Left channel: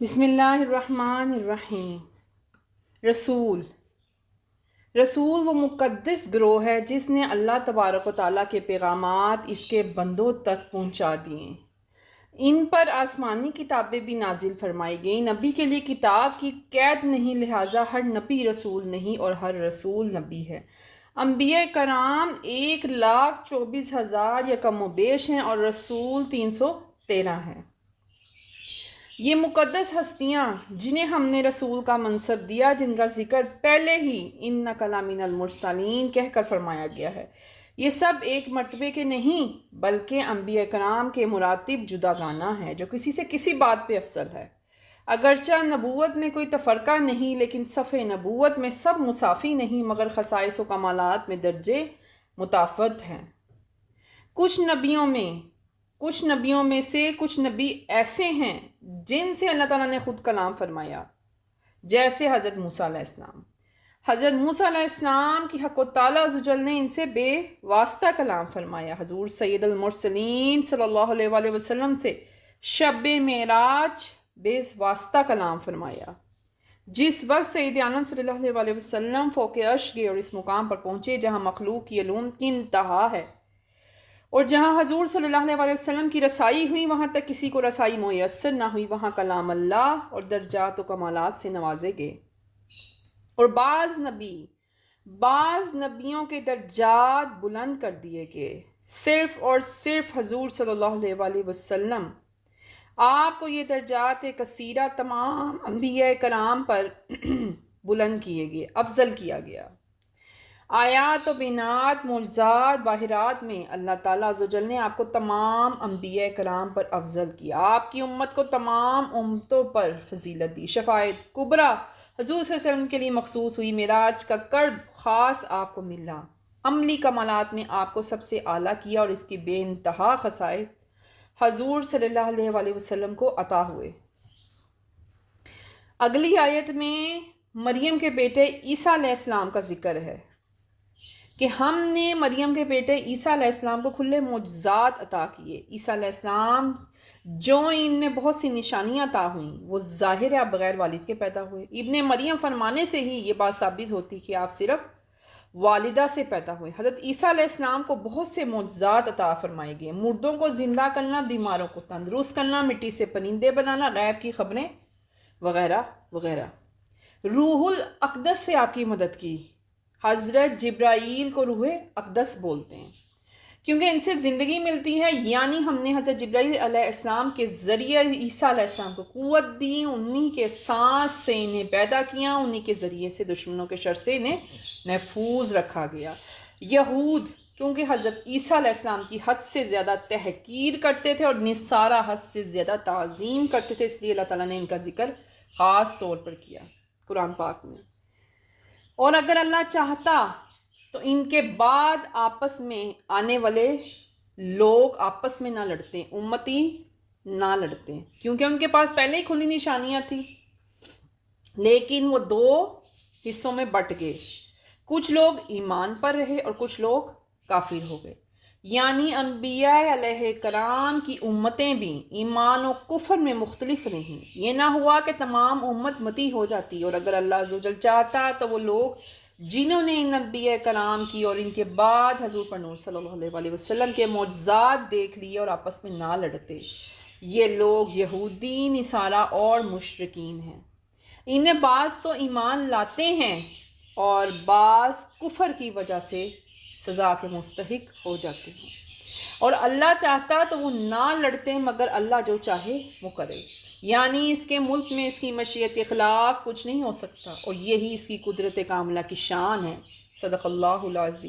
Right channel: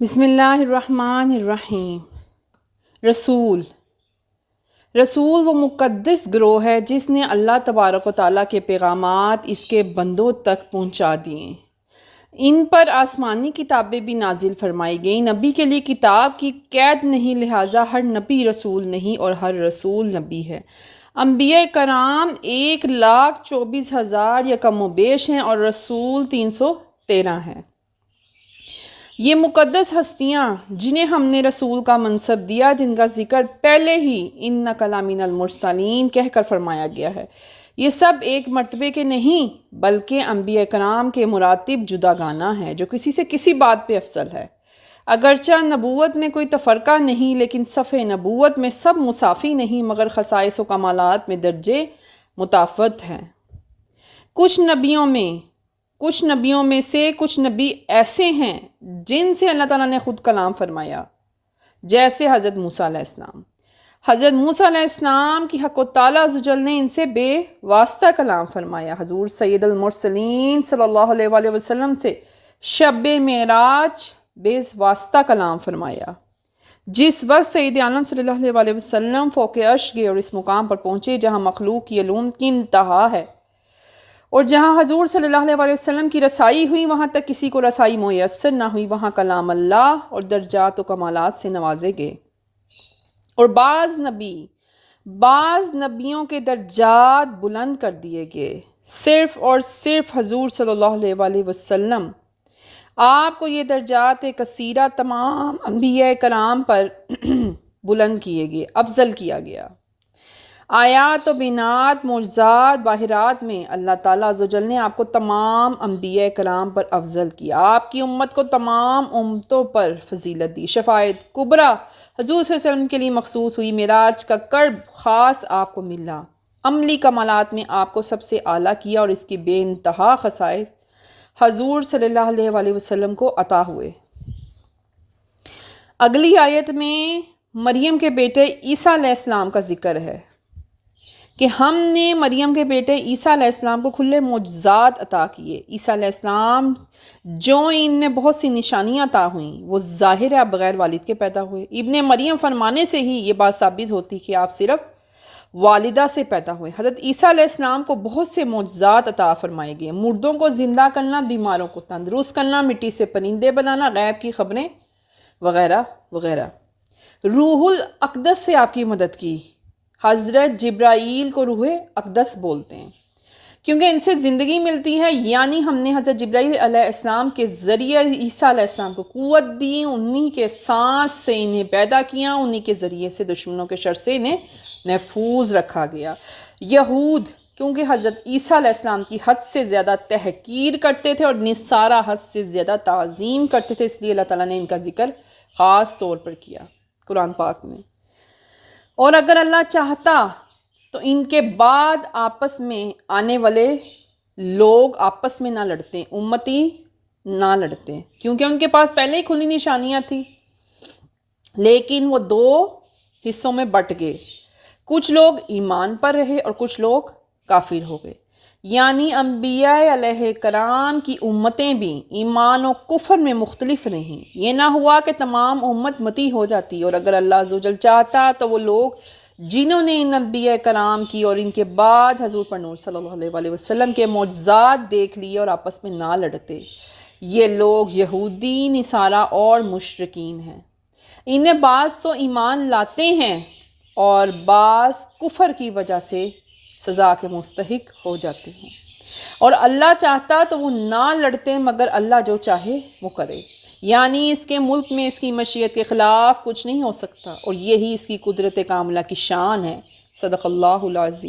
بسم اللہ الرحمن الرحیم۔ رسول وہ مقدس گروہ ہے جس نے اللہ تبارک و تعالیٰ کے پیغامات اس کے بندوں تک پہنچا دیے۔ ان پر آسمانی کتابیں بھی نازل فرمائی گئیں۔ نبی کے لیے کتاب کی قید نہیں، لہٰذا ہر نبی رسول نہیں اور ہر رسول نبی ہے۔ انبیاء کرام 1,24,000 یا کم و بیش ہیں اور رسول 313 ہیں۔ یہ مقدس ہستیاں جنہیں ہم نے رسول کا منصب دیا، جن کا ذکر پہلے ہی اِنَّکَ لَمِنَ الْمُرْسَلِینَ کہہ کر فرمایا گیا ہے، یہ سب ایک مرتبے کے نہیں بلکہ انبیاء کرام کے مراتب جداگانہ ہیں، جو کسی سے کسی بات پہ افضل ہے۔ اگرچہ نبوت میں کوئی تفرقہ نہیں، لیکن صف نبوت میں سب مساوی نہیں، مگر خصائص و کمالات میں درجے متفاوت ہیں۔ کچھ نبیوں میں سے کچھ نبی ایسے ہیں جن سے اللہ تعالیٰ نے خود کلام فرمایا، جیسے حضرت موسیٰ علیہ السلام۔ حضرت موسیٰ علیہ السلام کی حق و تعالیٰ عزوجل نے ان سے بے واسطہ کلام فرمایا۔ حضور سید المرسلین صلی اللہ علیہ وآلہ وسلم سے شب معراج بے واسطہ کلام فرمایا۔ جس وقت سید عالم صلی اللہ علیہ وآلہ وسلم فوق عرش گئے اور اس مقام پر پہنچے جہاں مخلوق کی علوم کی انتہا ہے، اور جہاں حضور صلی اللہ علیہ وآلہ وسلم کی رسائی ہوئی وہاں تک کسی کو رسائی میسر نہ ہوئی، وہاں کلام اللہ اور درجات و کمالات سے نوازے گئے، اور بعض نبیوں کے درجات بلند کر دیے گئے۔ صرف اور صرف حضور صلی اللہ علیہ وآلہ وسلم، آپ کو یہ درجات کثیرہ تمام انبیاء کرام پر بلند کیے گئے، افضل کیا گیا۔ آیات و بینات، معجزات، باہرات میں اللہ تعالیٰ عزوجل نے آپ کو تمام انبیاء کرام پر افضل کیا۔ آپ کی امت کو تمام امتوں پر فضیلت دی۔ شفاعت کبریٰ حضور صلی اللہ علیہ وسلم کے لیے مخصوص ہوئی۔ معراج کا قرب خاص آپ کو ملا۔ عملی کمالات میں آپ کو سب سے اعلیٰ کیا، اور اس کی بے انتہا خصائص حضور صلی اللہ علیہ وآلہ وسلم کو عطا ہوئے۔ اگلی آیت میں مریم کے بیٹے عیسیٰ علیہ السلام کا ذکر ہے کہ ہم نے مریم کے بیٹے عیسیٰ علیہ السلام کو کھلے معجزات عطا کیے۔ عیسیٰ علیہ السلام جو ان میں بہت سی نشانیاں عطا ہوئیں، وہ ظاہر ہے بغیر والد کے پیدا ہوئے۔ ابن مریم فرمانے سے ہی یہ بات ثابت ہوتی کہ آپ صرف والدہ سے پیدا ہوئے۔ حضرت عیسیٰ علیہ السلام کو بہت سے معجزات عطا فرمائے گئے، مردوں کو زندہ کرنا، بیماروں کو تندرست کرنا، مٹی سے پرندے بنانا، غیب کی خبریں وغیرہ وغیرہ۔ روح الاقدس سے آپ کی مدد کی۔ حضرت جبرائیل کو روح اقدس بولتے ہیں کیونکہ ان سے زندگی ملتی ہے، یعنی ہم نے حضرت جبرائیل علیہ السلام کے ذریعے عیسیٰ علیہ السلام کو قوت دی، انہی کے سانس سے انہیں پیدا کیا، انہی کے ذریعے سے دشمنوں کے شر سے انہیں محفوظ رکھا گیا۔ یہود کیونکہ حضرت عیسیٰ علیہ السلام کی حد سے زیادہ تحقیر کرتے تھے اور نصارہ حد سے زیادہ تعظیم کرتے تھے، اس لیے اللہ تعالیٰ نے ان کا ذکر خاص طور پر کیا قرآن پاک میں۔ اور اگر اللہ چاہتا تو ان کے بعد آپس میں آنے والے لوگ آپس میں نہ لڑتے، امتی نہ لڑتے، کیونکہ ان کے پاس پہلے ہی کھلی نشانیاں تھیں، لیکن وہ دو حصوں میں بٹ گئے۔ کچھ لوگ ایمان پر رہے اور کچھ لوگ کافر ہو گئے، یعنی انبیاء علیہ کرام کی امتیں بھی ایمان و کفر میں مختلف رہیں۔ یہ نہ ہوا کہ تمام امت متی ہو جاتی، اور اگر اللہ عزوجل چاہتا تو وہ لوگ جنہوں نے ان انبیاء کرام کی اور ان کے بعد حضور پر نور صلی اللہ علیہ وآلہ وسلم کے معجزات دیکھ لیے اور آپس میں نہ لڑتے، یہ لوگ یہودی، نصارہ اور مشرکین ہیں۔ انہیں بعض تو ایمان لاتے ہیں اور بعض کفر کی وجہ سے سزا کے مستحق ہو جاتے ہیں، اور اللہ چاہتا تو وہ نہ لڑتے، مگر اللہ جو چاہے وہ کرے، یعنی اس کے ملک میں اس کی مشیت کے خلاف کچھ نہیں ہو سکتا، اور یہی اس کی قدرت کاملہ کی شان ہے۔ صدق اللہ العظیم۔